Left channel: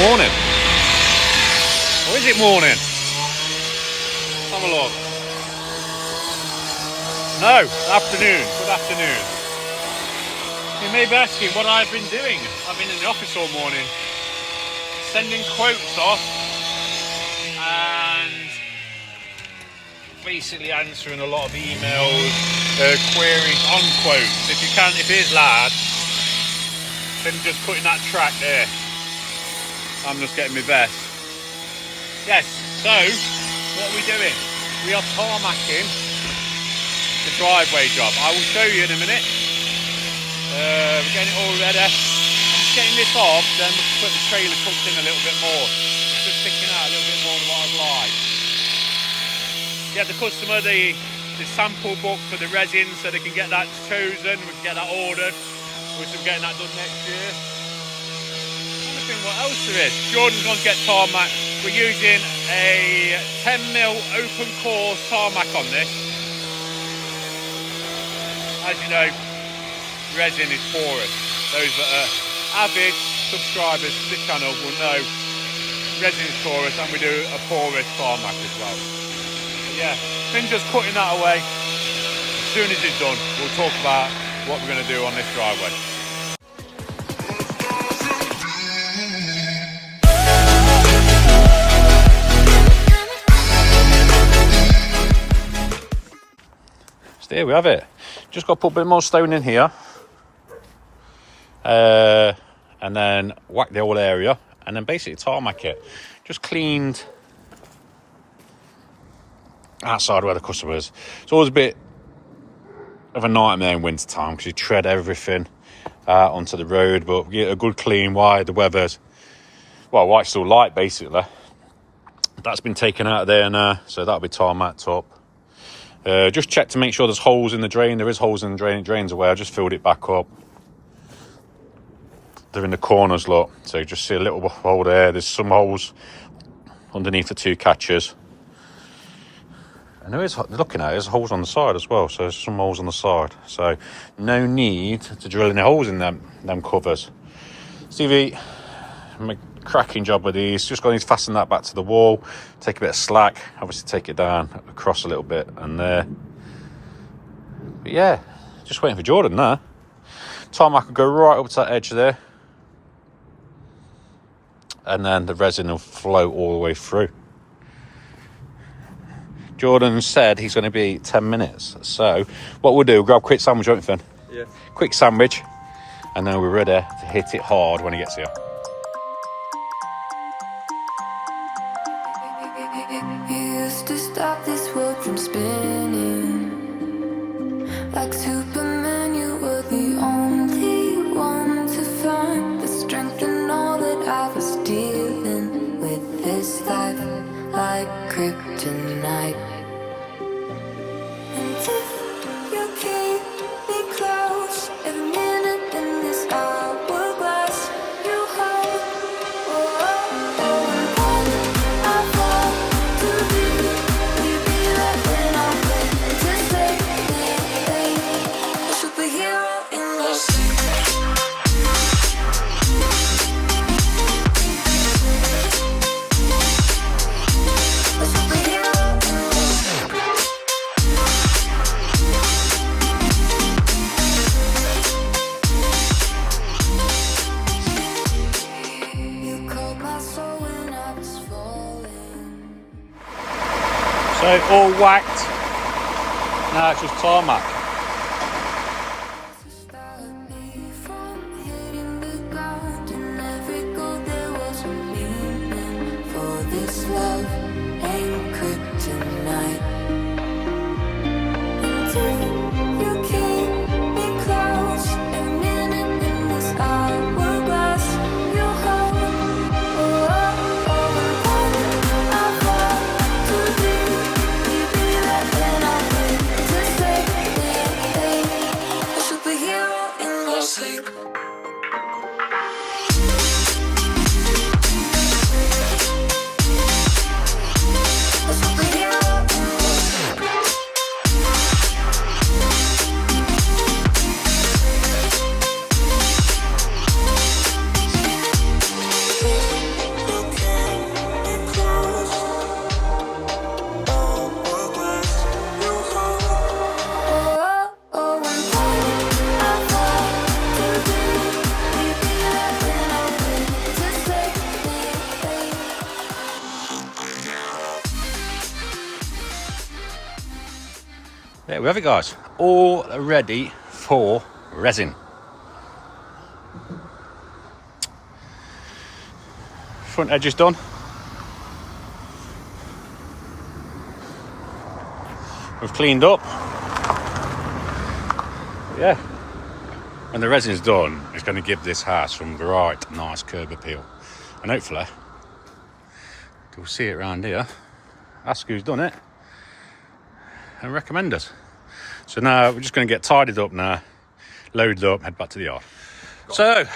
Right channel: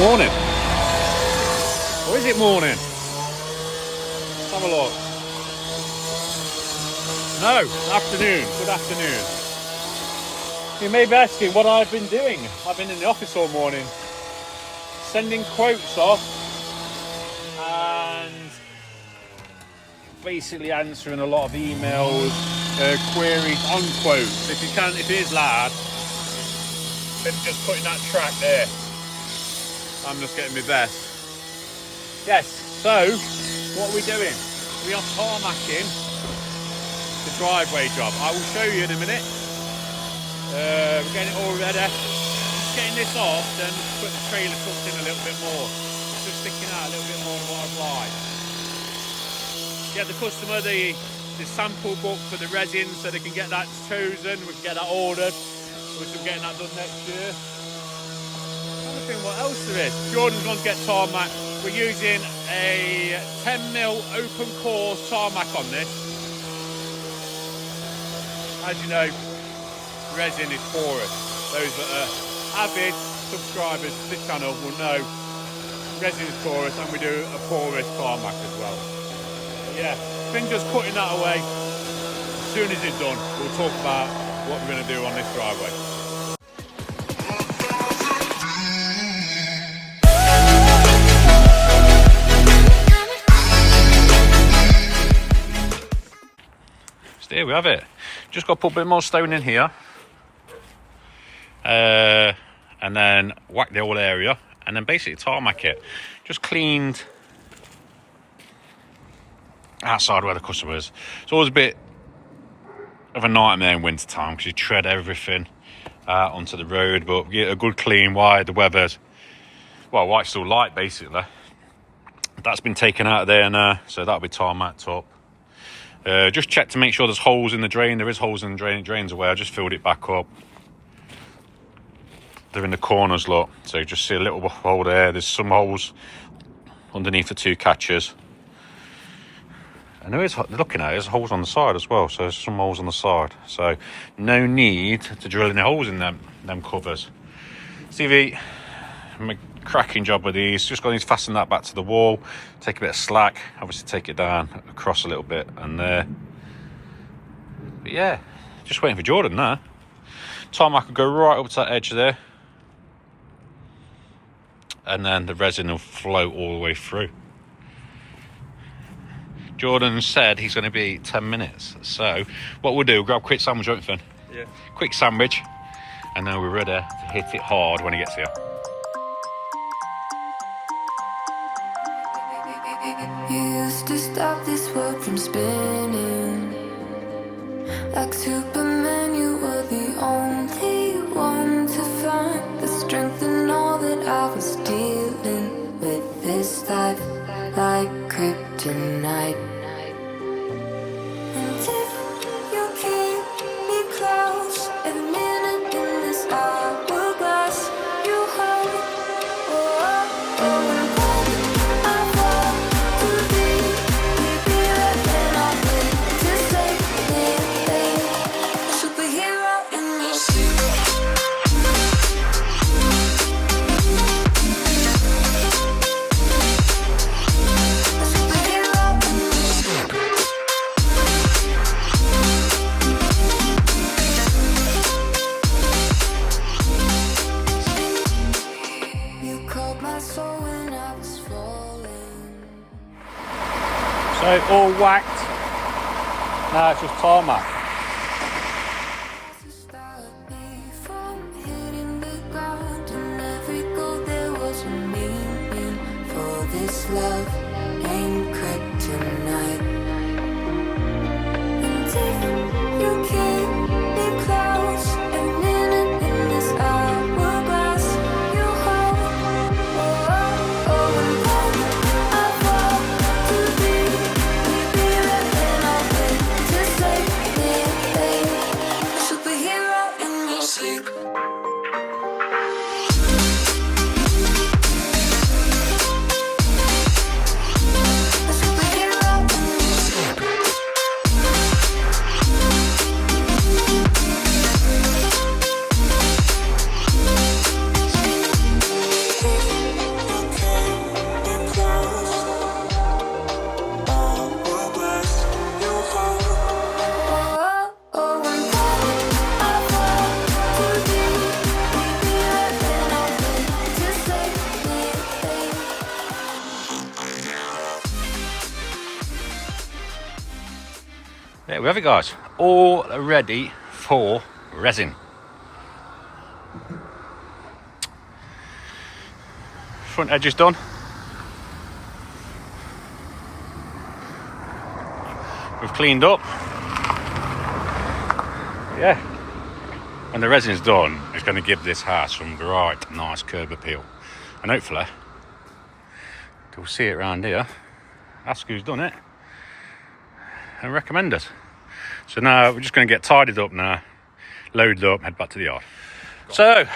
morning. Or is it morning? Let's have a look. No, afternoon. Good afternoon. You may be asking what I've been doing. I've been in the office all morning, sending quotes off and basically answering a lot of emails, queries on quotes. If it is loud, then just cutting that track there. I'm just getting my best. Yes, so what are we doing? We are tarmacking the driveway job. I will show you in a minute. We're getting it all ready. I'm just getting this off, then we'll put the trailer tucked in a little bit more. It's just sticking out a little bit more than what I'd like. Get the customer the sample book for the resin so they can get that chosen. We can get that ordered. We're still getting that done next year. I'm trying to think what else there is. Jordan's going to get tarmac. We're using a 10mm open core tarmac on this. As you know, resin is porous. Those that are avid subscribers to the channel will know resin is porous, and we do a porous tarmac as well. But yeah, been just cutting that away. As soon as it's done, we'll talk about what we're going to do on this driveway. So here we have it. Just got to put a bit more stone in here. And then whack the whole area, and then basically tarmac it. Just cleaned outside where the customer is. It's always a bit of a nightmare in winter time because you tread everything onto the road, but get a good clean while the weather's, well, while it's still light basically. That's been taken out of there now, so that'll be tarmacked up. Just check to make sure there's holes in the drain. There is holes in the drain, it drains away. I just filled it back up. They're in the corners, look, so you just see a little hole there. There's some holes underneath the two catches, and there is, looking at it, there's holes on the side as well, so there's some holes on the side, so no need to drill any holes in them covers. STEVIE, make a cracking job with these. Just going to fasten that back to the wall, take a bit of slack, obviously take it down across a little bit, and there. But yeah, just waiting for Jordan now. Tarmac will go right up to that edge there, and then the resin will flow all the way through. Jordan said he's going to be 10 minutes. So what we'll do, grab a quick sandwich, won't we, Finn? Yeah. Quick sandwich, and then we're ready to hit it hard when he gets here. You used to stop this world from spinning. Like Superman, you were the only one to find the strength in all that I was dealing with. This life like kryptonite. And if you keep me close, every minute in this hourglass you hold. And when I fall to thee, will you be there when I wait to save me? A superhero in this. A superhero in this. You called my soul when I was falling. So all whacked. Now it's just tarmac. To stop me from hitting the ground, and every goal there was a meaning. For this love ain't kryptonite. And if you keep me close, every minute in this hourglass you hold. And when I fall to thee, will you be there when I wait to save me? A superhero in this. A superhero in this. there we have it, guys. All ready for resin. Front edge is done. We've cleaned up. Yeah. When the resin's done, it's going to give this house some right nice curb appeal. And hopefully, you'll see it around here. Ask who's done it and recommend it. So now we're just going to get tidied up now, loaded up, head back to the yard. So,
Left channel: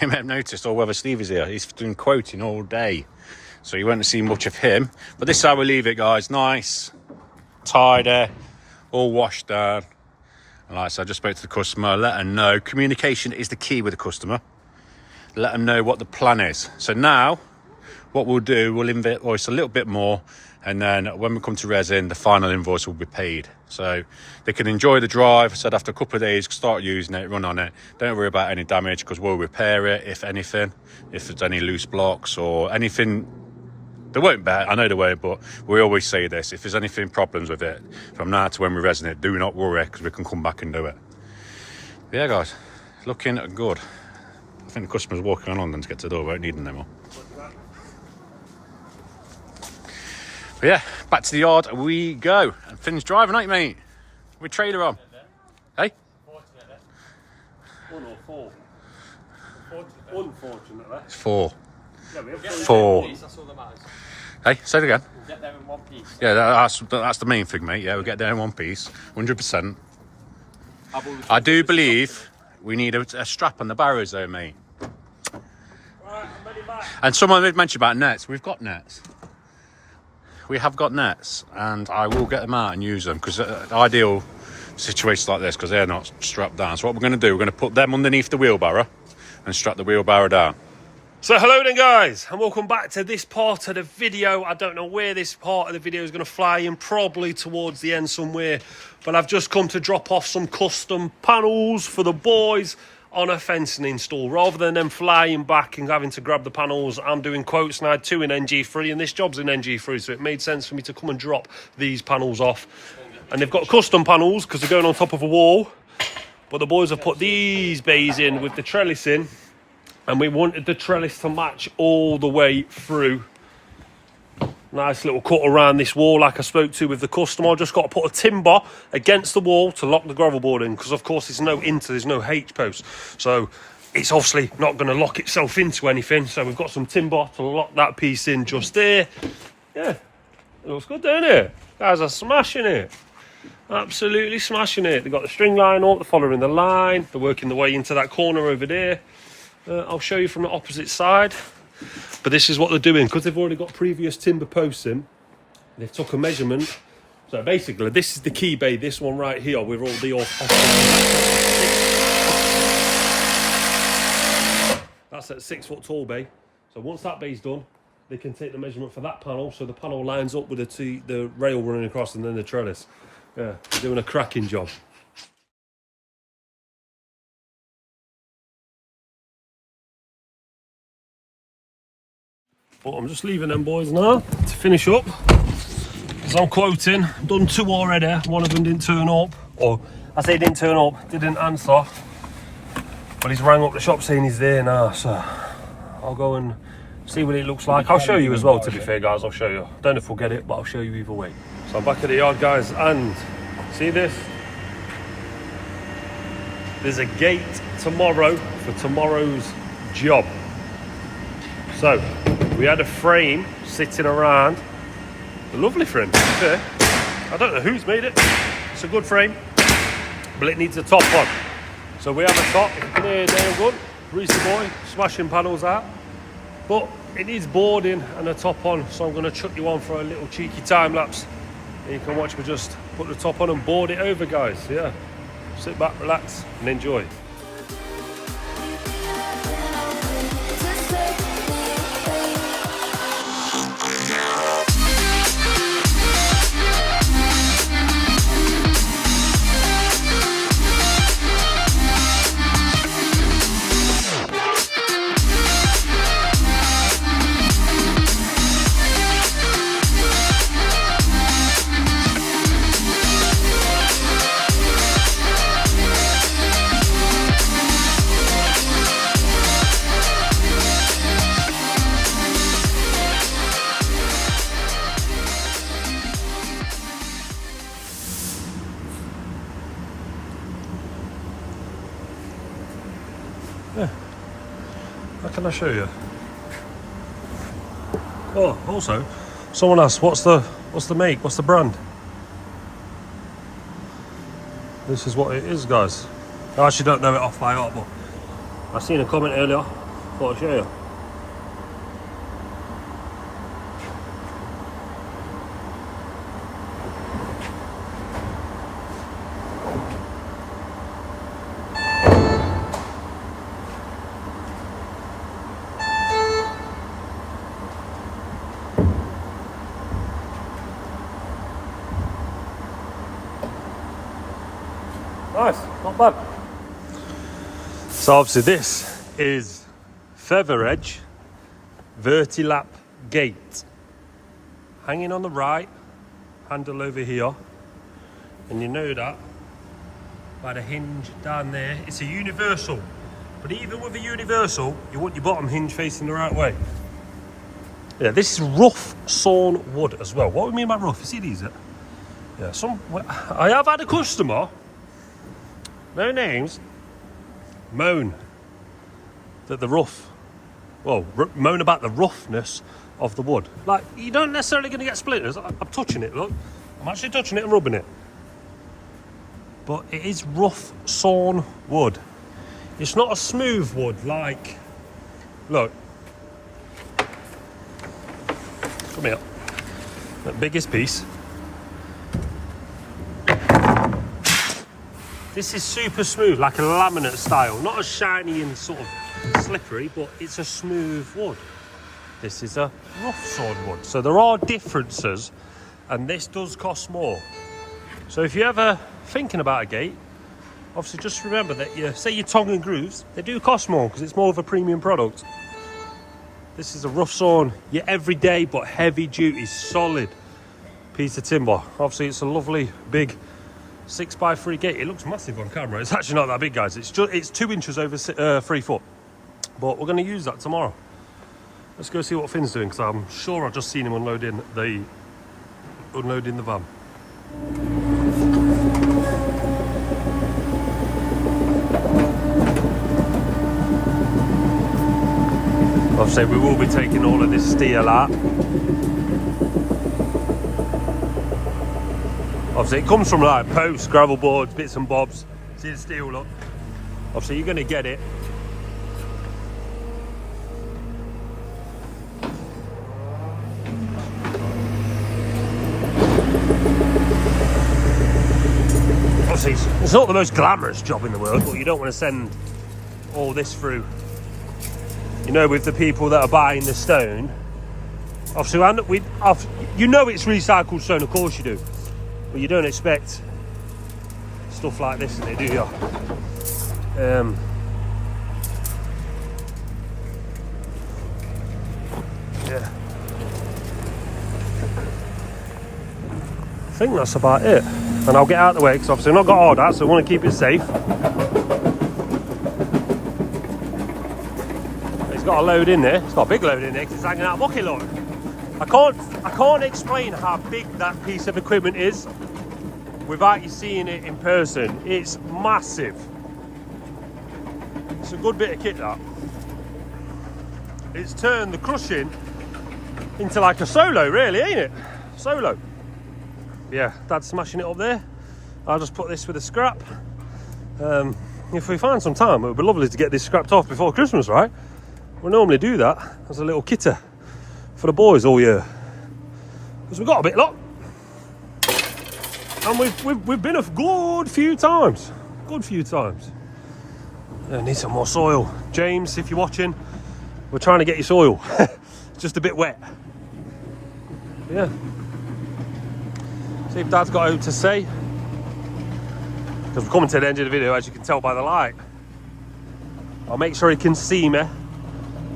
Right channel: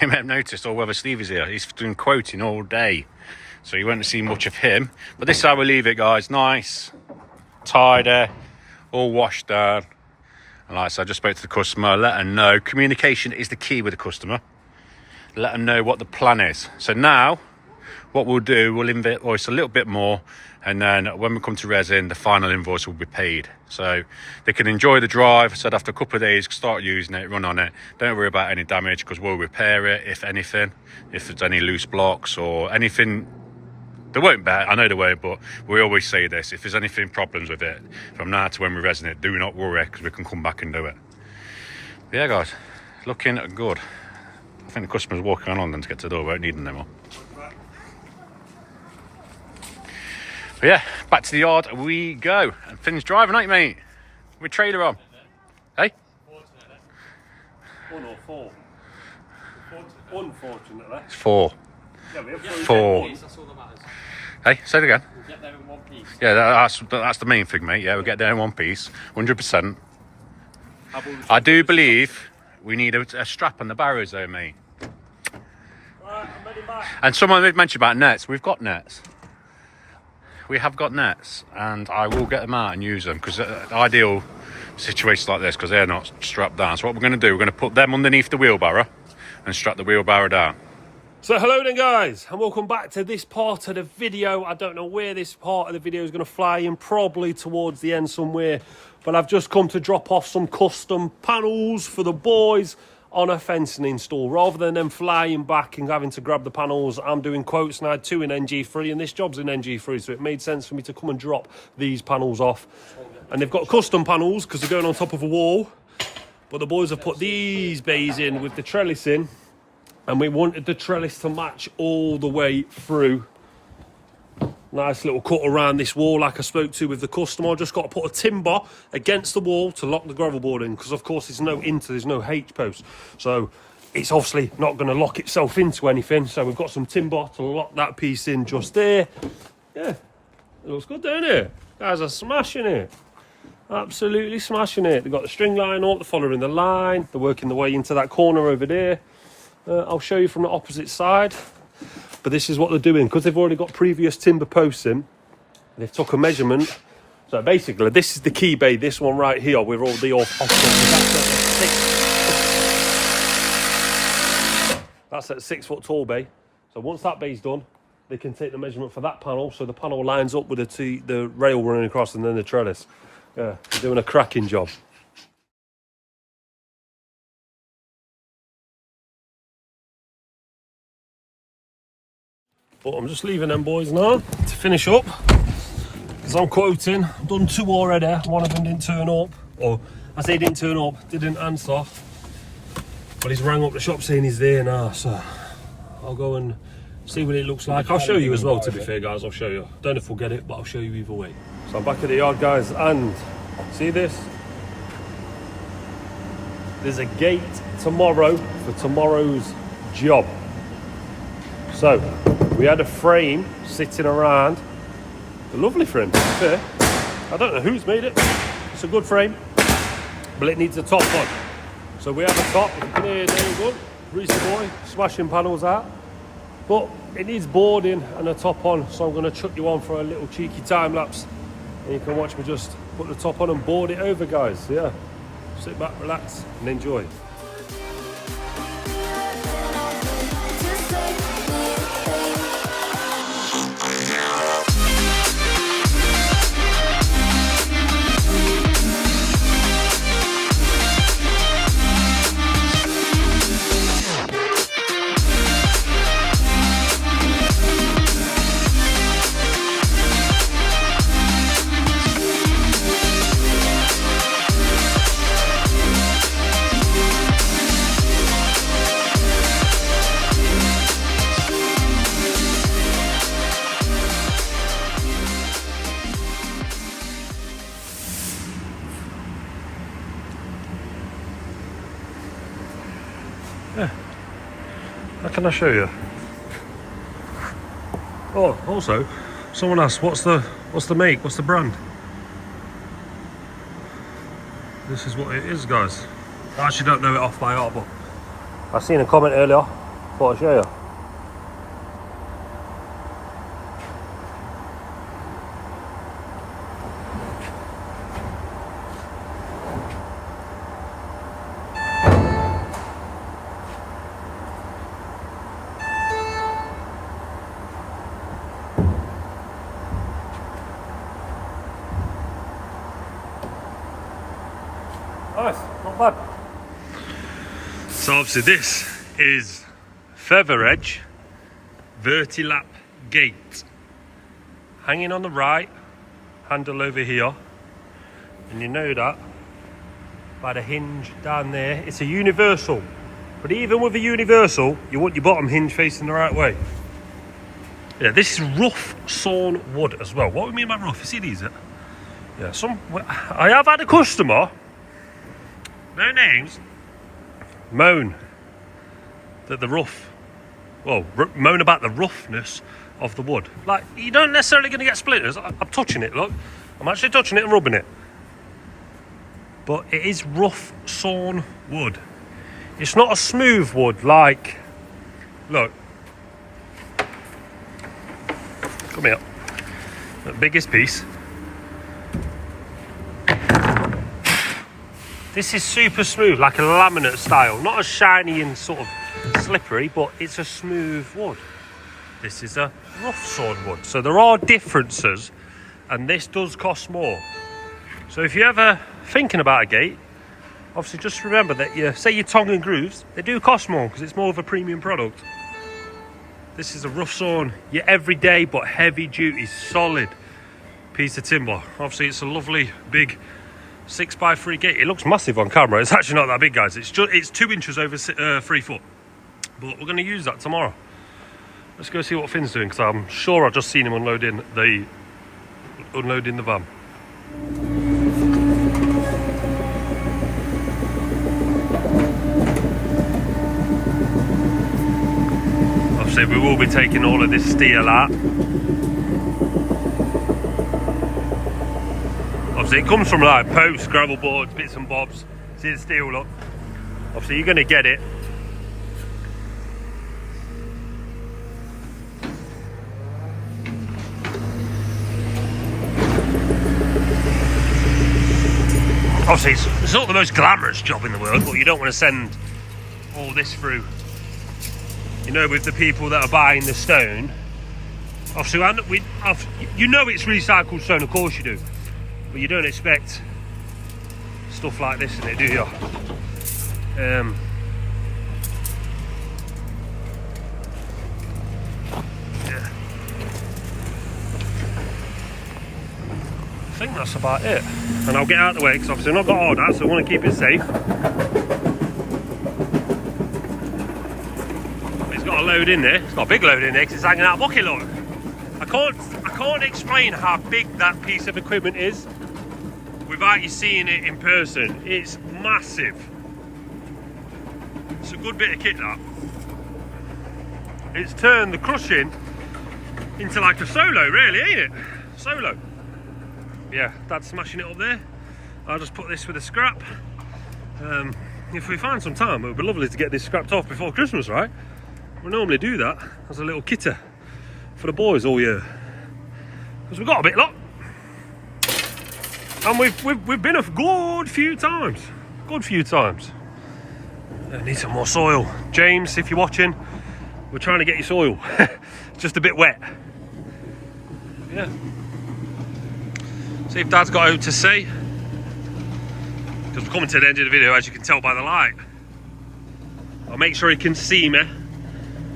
you may have noticed all weather Stevie's here. He's doing quoting all day. So you won't see much of him. But this is how we leave it, guys. Nice, tidy, all washed down. And like I said, I just spoke to the customer, let them know. Communication is the key with the customer. Let them know what the plan is. So now, what we'll do, we'll invoice a little bit more. And then when we come to resin, the final invoice will be paid. So they can enjoy the drive. I said after a couple of days, start using it, run on it. Don't worry about any damage because we'll repair it, if anything. If there's any loose blocks or anything. They won't bet, I know they won't, but we always say this. If there's anything problems with it, from now to when we resin it, do not worry, because we can come back and do it. But yeah, guys, looking good. I think the customer's walking on them to get to the door. We won't need them no more. But yeah, back to the yard we go. And Finn's driving, ain't you, mate? With trailer on. Hey? Unfortunately. It's 4. 4. Hey, say it again. We'll get there in one piece. Yeah, that's the main thing, mate. Yeah, we'll get there in one piece, 100%. I do believe we need a strap on the barrows, though, mate. And someone did mention about nets. We've got nets. We have got nets, and I will get them out and use them because the ideal situations like this, because they're not strapped down. So what we're going to do, we're going to put them underneath the wheelbarrow and strap the wheelbarrow down. So hello then, guys, and welcome back to this part of the video. I don't know where this part of the video is going to fly in, probably towards the end somewhere, but I've just come to drop off some custom panels for the boys on a fencing install. Rather than them flying back and having to grab the panels, I'm doing quotes, and I had 2 in NG3, and this job's in NG3, so it made sense for me to come and drop these panels off. And they've got custom panels because they're going on top of a wall, but the boys have put these bays in with the trellis in. And we wanted the trellis to match all the way through. Nice little cut around this wall like I spoke to with the customer. I just got to put a timber against the wall to lock the gravel board in, because of course there's no H post. So it's obviously not going to lock itself into anything. So we've got some timber to lock that piece in just there. Yeah, it looks good, doesn't it? Guys are smashing it. Absolutely smashing it. They've got the string line up, they're following the line. They're working their way into that corner over there. I'll show you from the opposite side, but this is what they're doing because they've already got previous timber posts in. They took a measurement, so basically this is the key bay, this one right here with all the that's that 6 foot tall bay. So once that bay's done, they can take the measurement for that panel, so the panel lines up with the rail running across and then the trellis. Yeah, they're doing a cracking job. But I'm just leaving them boys now to finish up, because I'm quoting. I've done 2 already. One of them didn't turn up, or I say didn't turn up, didn't answer, but he's rang up the shop saying he's there now, so I'll go and see what it looks like. I'll show you as well, to be fair, guys. I'll show you. Don't know if we'll get it, but I'll show you either way. So I'm back at the yard, guys, and see this? There's a gate tomorrow for tomorrow's job. So we had a frame sitting around, a lovely frame, yeah. I don't know who's made it, it's a good frame, but it needs a top on. So we have a top, if you can hear it there good, Reese boy, smashing panels out, but it needs boarding and a top on, so I'm going to chuck you on for a little cheeky time lapse, and you can watch me just put the top on and board it over, guys. Yeah, sit back, relax and enjoy. How can I show you? Oh, also, someone asked, what's the make? What's the brand? This is what it is, guys. I actually don't know it off by heart, but I've seen a comment earlier. Thought I'd show you. Nice, not bad. So obviously this is Feather Edge Vertilap Gate. Hanging on the right, handle over here. And you know that by the hinge down there. It's a universal. But even with a universal, you want your bottom hinge facing the right way. Yeah, this is rough sawn wood as well. What do we mean by rough? You see these? Yeah, I have had a customer, no names, moan that the moan about the roughness of the wood. Like, you don't necessarily going to get splinters. I'm touching it, look. I'm actually touching it and rubbing it. But it is rough sawn wood. It's not a smooth wood like, look. Come here. The biggest piece. This is super smooth, like a laminate style. Not as shiny and sort of slippery, but it's a smooth wood. This is a rough sawn wood. So there are differences, and this does cost more. So if you're ever thinking about a gate, obviously just remember that say your tongue and grooves, they do cost more because it's more of a premium product. This is a rough sawn, your everyday but heavy duty, solid piece of timber. Obviously it's a lovely big 6x3 gate. It looks massive on camera. It's actually not that big, guys. It's 2 inches over 3 foot. But we're going to use that tomorrow. Let's go see what Finn's doing, because I'm sure I've just seen him unloading the van. Obviously we will be taking all of this steel out. Obviously it comes from like posts, gravel boards, bits and bobs. See the steel, look. Obviously you're going to get it. Obviously it's not the most glamorous job in the world, but you don't want to send all this through. You know, with the people that are buying the stone, obviously you know it's recycled stone, of course you do. But you don't expect stuff like this in it, do you? Yeah. I think that's about it. And I'll get out of the way because obviously I've not got all that, so I want to keep it safe. It's got a load in there. It's got a big load in there because it's hanging out of bucket load. I can't explain how big that piece of equipment is without you seeing it in person. It's massive. It's a good bit of kit, that. It's turned the crushing into like a solo, really, ain't it? Solo. Yeah, Dad's smashing it up there. I'll just put this with a scrap. If we find some time, it would be lovely to get this scrapped off before Christmas, right? We normally do that as a little kitter for the boys all year. Because we've got a bit lot. And we've been a good few times. Good few times. I need some more soil. James, if you're watching, we're trying to get your soil. Just a bit wet. Yeah. See if Dad's got out to say. Because we're coming to the end of the video, as you can tell by the light. I'll make sure he can see me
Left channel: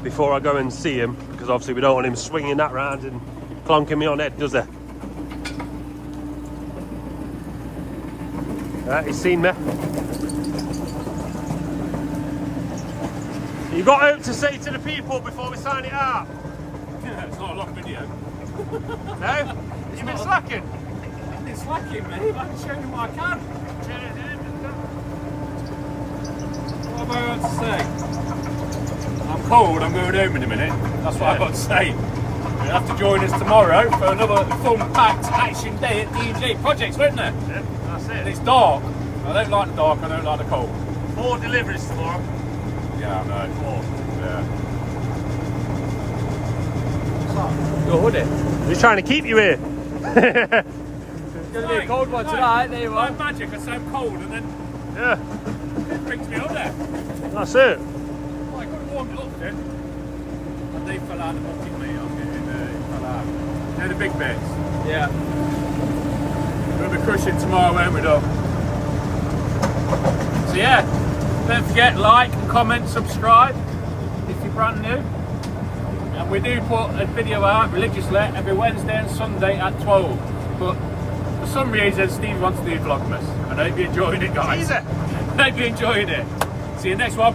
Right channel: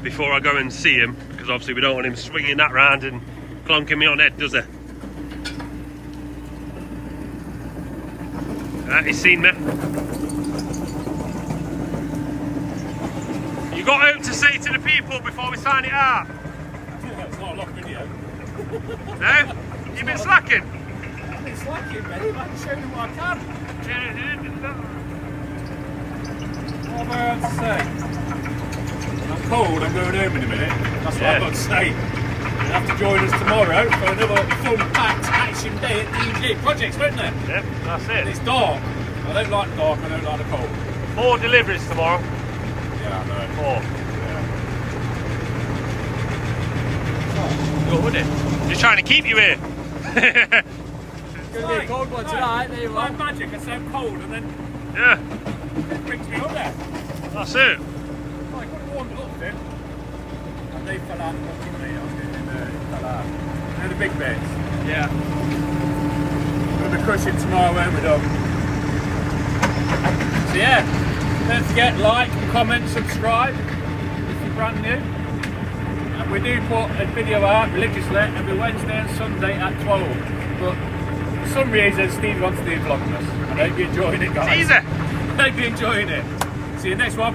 before I go and see him, because obviously we don't want him swinging that round and clunking me on head, does he? He's seen me. You got out to say to the people before we sign it out? Yeah, it's not a long video. No? You've been slacking? I've been slacking, mate. I'm showing you what I can. What am I going to say? I'm cold, I'm going home in a minute. That's what I've got to say. You'll have to join us tomorrow for another fun-packed action day at DJ Projects, won't there? Yep, that's And it. it's dark. I don't like the dark, I don't like the cold. 4 deliveries tomorrow. Yeah, I know. 4. Yeah. Your hoodie. He's trying to keep you here. It's going to be a cold one tonight, there you are. Like magic, I so cold and then Yeah, it brings me up there. that's it. Oh, I could have warmed it up then. And they fell out the bucket, mate. I was getting, it fell out. They're the big bits. Yeah. We'll be crushing tomorrow, won't we, Doug? So yeah, don't forget, like, comment, subscribe if you're brand new. And we do put a video out religiously every Wednesday and Sunday at 12. But for some reason, Steve wants to do Vlogmas. And I hope you're enjoying it, guys. Easy. I hope you're enjoying it. See you next one.